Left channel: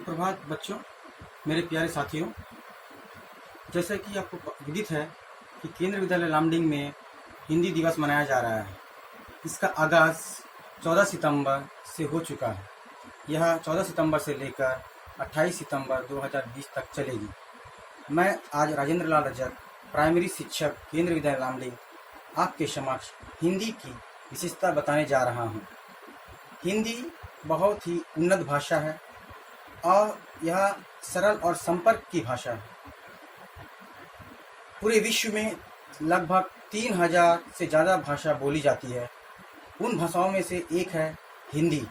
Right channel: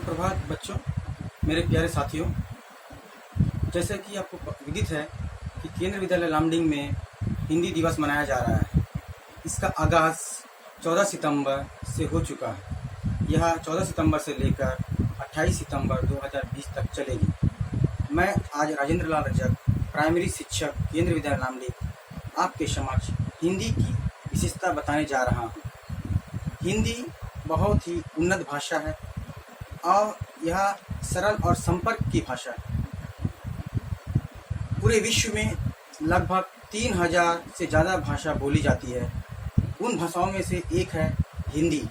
सुप्रभात बच्चों, मेरे प्यारे साथियों। जैसा कि आपको विदित है कि केंद्रीय विद्यालय लामडिंग में हिंदी दिवस मनाया जा रहा है। इसका आगाज़ 14 सितंबर से हो चुका है। यह 14 सितंबर से लेकर 28 सितंबर 2020 तक चलेगी। मैं आज राजेंद्र लाल रजक, प्राइमरी शिक्षक, केंद्रीय विद्यालय लामडिंग, आपके समक्ष हिंदी की विशेषता बताने जा रहा हूँ। हिंदी बहुत ही उन्नत भाषा है और यह सरल और संपर्क की भाषा है। पूरे विश्व में लगभग 3000 से ज़्यादा भाषा बोली जाती है। उन भाषाओं में से एक है हिंदी।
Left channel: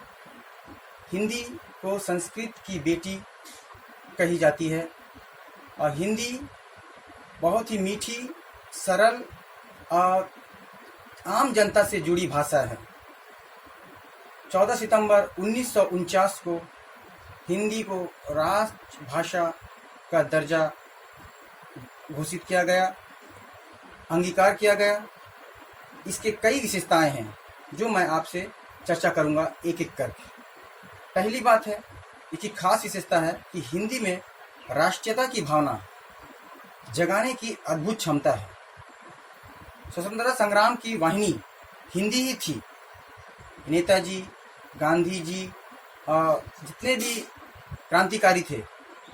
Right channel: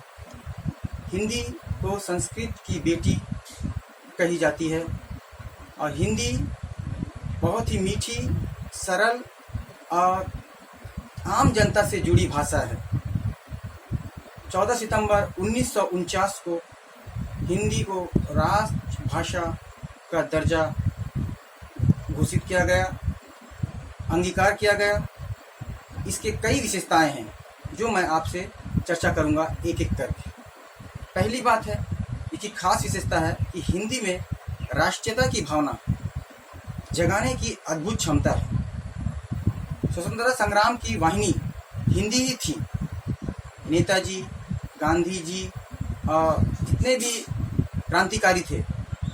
हिंदी को संस्कृत की बेटी कही जाती है और हिंदी बहुत ही मीठी, सरल और आम जनता से जुड़ी भाषा है। 14 सितंबर 1949 को हिंदी को राष्ट्रभाषा का दर्जा घोषित किया गया, अंगीकार किया गया। इसके कई विशेषताएं हैं जो मैं आपसे चर्चा करूंगा एक एक करके। पहली बात है, इसकी खास विशेषता है कि हिंदी में राष्ट्रीयता की भावना जगाने की अद्भुत क्षमता है। स्वतंत्रता संग्राम की वाहिनी हिंदी ही थी। नेताजी, गांधी जी और जितने भी क्रांतिकारी थे,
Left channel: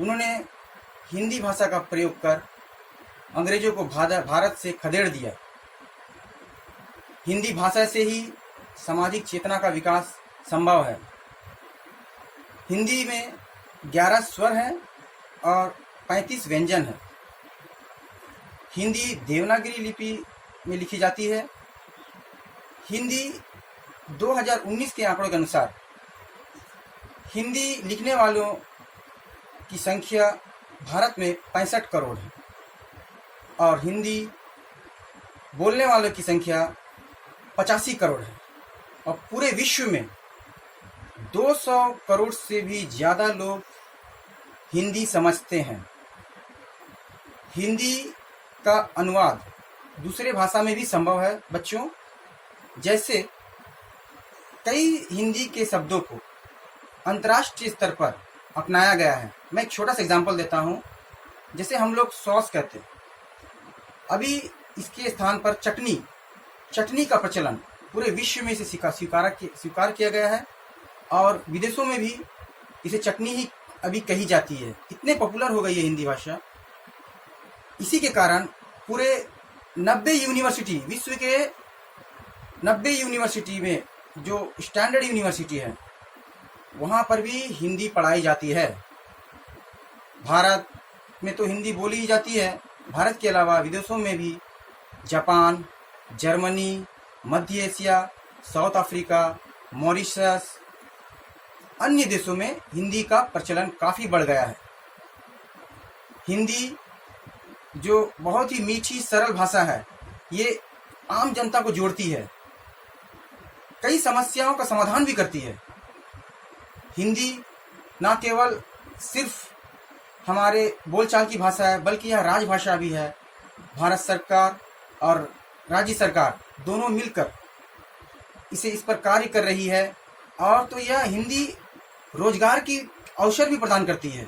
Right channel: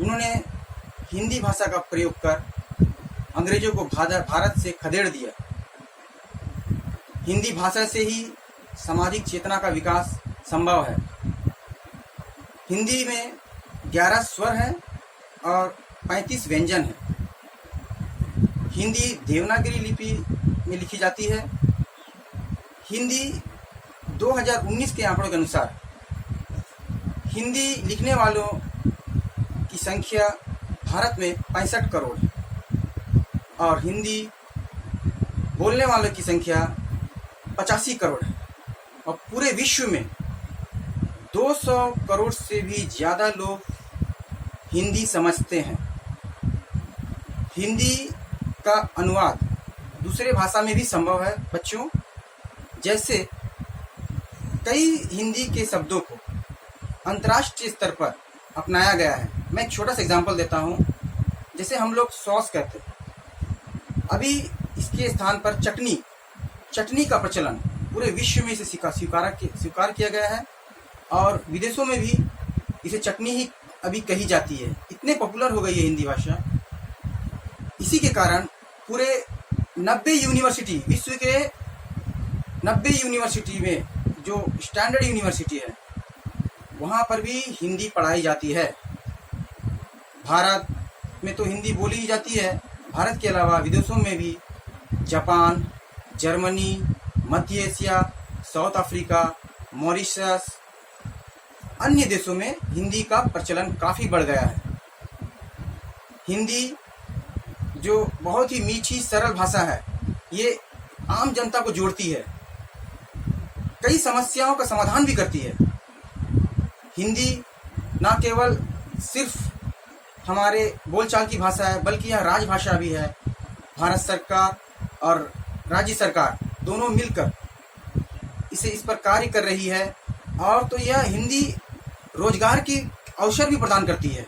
उन्होंने हिंदी भाषा का प्रयोग कर अंग्रेजों को भारत से खदेड़ दिया। हिंदी भाषा से ही सामाजिक चेतना का विकास संभव है। हिंदी में 11 स्वर हैं और 35 व्यंजन हैं। हिंदी देवनागरी लिपि में लिखी जाती है। हिंदी 2019 के आंकड़ों के अनुसार हिंदी लिखने वालों की संख्या भारत में 65 करोड़ है और हिंदी बोलने वालों की संख्या 85 करोड़ है और पूरे विश्व में 200 करोड़ से भी ज़्यादा लोग हिंदी समझते हैं। हिंदी का अनुवाद दूसरे भाषा में भी संभव है बच्चों। जैसे कई हिंदी के शब्दों को अंतर्राष्ट्रीय स्तर पर अपनाया गया है। मैं एक छोटा सा एग्जांपल देता हूँ। जैसे हम लोग सॉस कहते हैं, अभी इसके स्थान पर चटनी का प्रचलन पूरे विश्व में इसे स्वीकार किया गया है और विदेशों में भी इसे चटनी ही अभी कही जाती है। इतने पॉपुलर हो गई है हिंदी भाषा। इसी के कारण पूरे 90 यूनिवर्सिटी, विश्व के 90 यूनिवर्सिटी में जो स्टैंडर्ड यूनिवर्सिटी है, वहाँ पर भी हिंदी पढ़ाई जाती है। भारत में तो हिंदी बोली ही जाती है। भारत के अलावा विदेशों में भी जापान, जर्मनी, मध्य एशिया, साउथ अफ्रीका, मॉरिशस, अन्य देशों में हिंदी का प्रचलन काफ़ी बढ़ गया है। हिंदी जो बहुत ही मीठी, सरल भाषा है, ये आम जनता को जोड़ती है, कई समस्याओं का समाधान भी करती है। हिंदी ना केवल सिर्फ हमारे बोलचाल की भाषा है, बल्कि यह राजभाषा भी है। भारत सरकार और राज्य सरकार दोनों मिलकर इस पर कार्य कर रही है और तो यह हिंदी रोजगार की अवसर भी प्रदान करती है।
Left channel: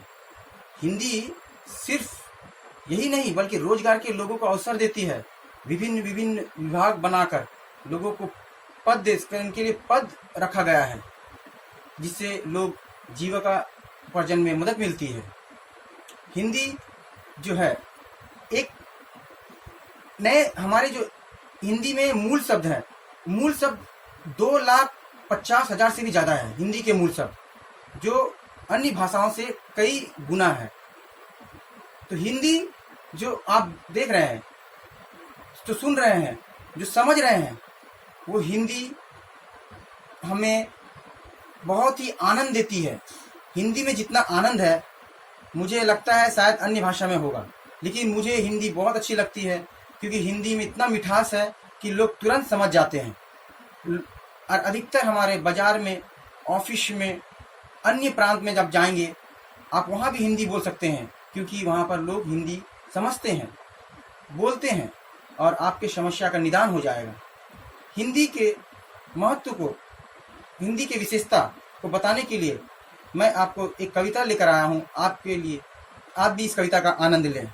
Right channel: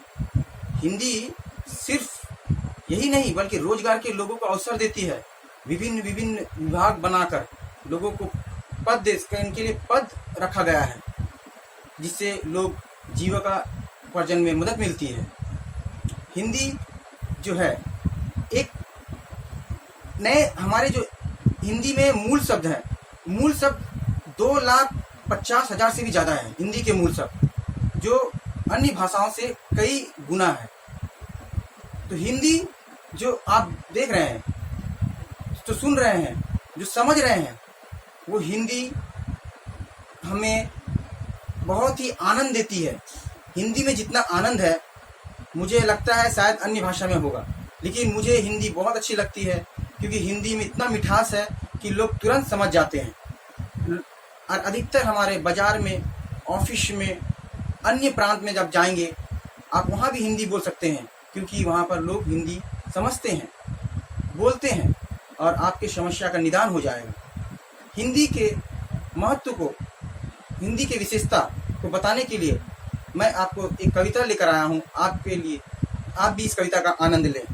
हिंदी सिर्फ यही नहीं बल्कि रोजगार के लोगों को अवसर देती है। विभिन्न विभिन्न विभाग बनाकर लोगों को इनके लिए पद रखा गया है, जिससे लोग जीविका उपार्जन में मदद मिलती है। हिंदी जो है एक नए हमारे जो हिंदी में मूल शब्द है, मूल शब्द 2,50,000 से भी ज़्यादा है। हिंदी के मूल शब्द जो अन्य भाषाओं से कई गुना है। तो हिंदी जो आप देख रहे हैं, जो सुन रहे हैं, जो समझ रहे हैं, वो हिंदी हमें बहुत ही आनंद देती है। हिंदी में जितना आनंद है, मुझे लगता है शायद अन्य भाषा में होगा, लेकिन मुझे हिंदी बहुत अच्छी लगती है क्योंकि हिंदी में इतना मिठास है कि लोग तुरंत समझ जाते हैं। और अधिकतर हमारे बाज़ार में, ऑफिस में, अन्य प्रांत में जब जाएंगे, आप वहाँ भी हिंदी बोल सकते हैं क्योंकि वहाँ पर लोग हिंदी समझते हैं, बोलते हैं और आपकी समस्या का निदान हो जाएगा। हिंदी के महत्व को, हिंदी की विशेषता को बताने के लिए मैं आपको एक कविता लेकर आया हूँ आपके लिए। आप भी इस कविता का आनंद लें।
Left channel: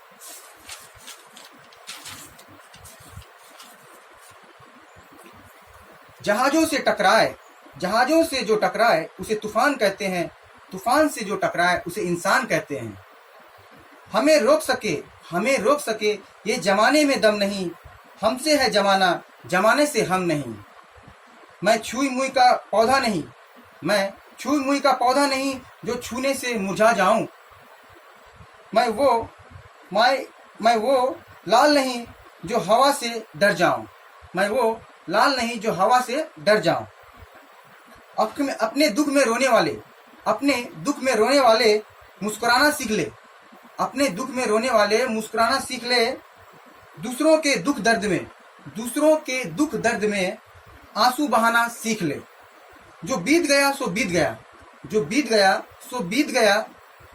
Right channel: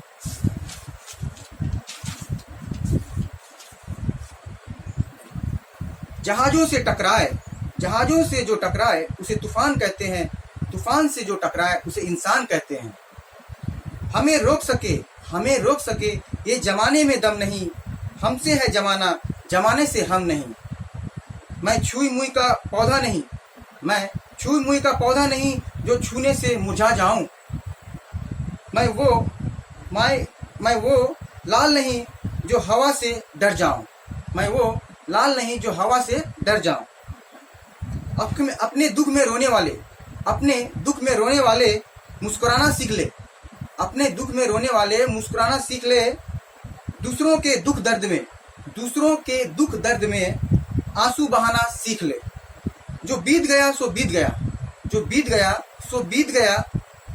जहाजों से जो टकराए उसे तूफान कहते हैं, तूफान से जो टकराए उसे इंसान कहते हैं। हमें रोक सके ये जमाने में दम नहीं, हमसे है जमाना, जमाने से हम नहीं। मैं छुई मुई का पौधा नहीं जो छूने से मुरझा जाऊं। मैं वो लाल नहीं जो हवा से डर जाऊं। अपने दुख में रोने वाले मुस्कुराना सीख ले। दूसरों के दुख दर्द में आंसू बहाना सीख ले। जो बीत गया सो बीत गया,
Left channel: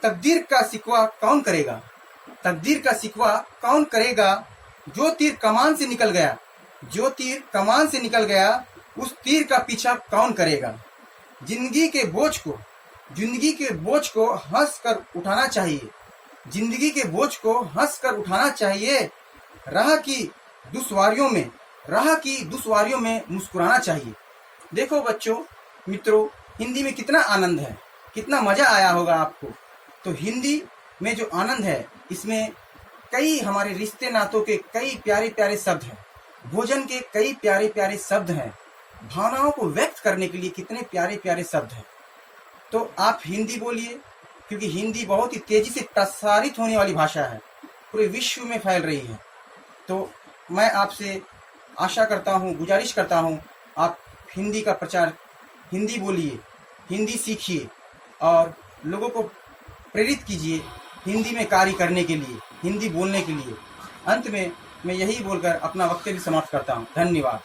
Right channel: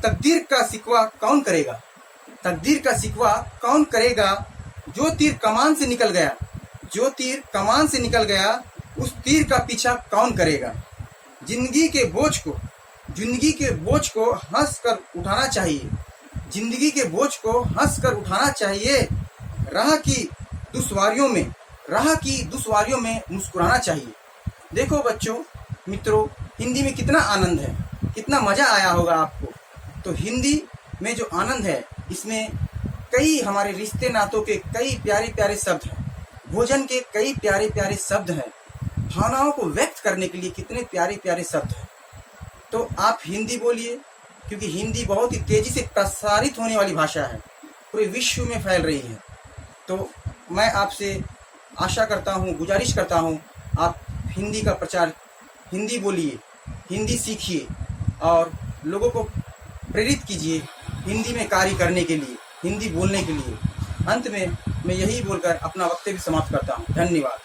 तकदीर का सिकवा कौन करेगा। जो तीर कमान से निकल गया उस तीर का पीछा कौन करेगा। जिंदगी के बोझ को हंस कर उठाना चाहिए। राह की दुश्वारियों में मुस्कुराना चाहिए। देखो बच्चों, मित्रों, हिंदी में कितना आनंद है, कितना मजा आया होगा आपको। तो हिंदी में जो आनंद है, इसमें कई हमारे रिश्ते नातों के कई प्यारे प्यारे शब्द हैं, भोजन के कई प्यारे प्यारे शब्द हैं, भावनाओं को व्यक्त करने के लिए कितने प्यारे प्यारे शब्द हैं। तो आप हिंदी बोलिए, क्योंकि हिंदी बहुत ही तेजी से प्रसारित होने वाली भाषा है, पूरे विश्व में फैल रही है। तो मैं आपसे आशा करता हूँ, गुजारिश करता हूँ, आप हिंदी का प्रचार, हिंदी बोलिए, हिंदी सीखिए और लोगों को प्रेरित कीजिए हिंदी में कार्य करने के लिए, हिंदी बोलने के लिए। अंत में मैं यही बोलकर अपना वक्तव्य समाप्त करता हूँ। धन्यवाद।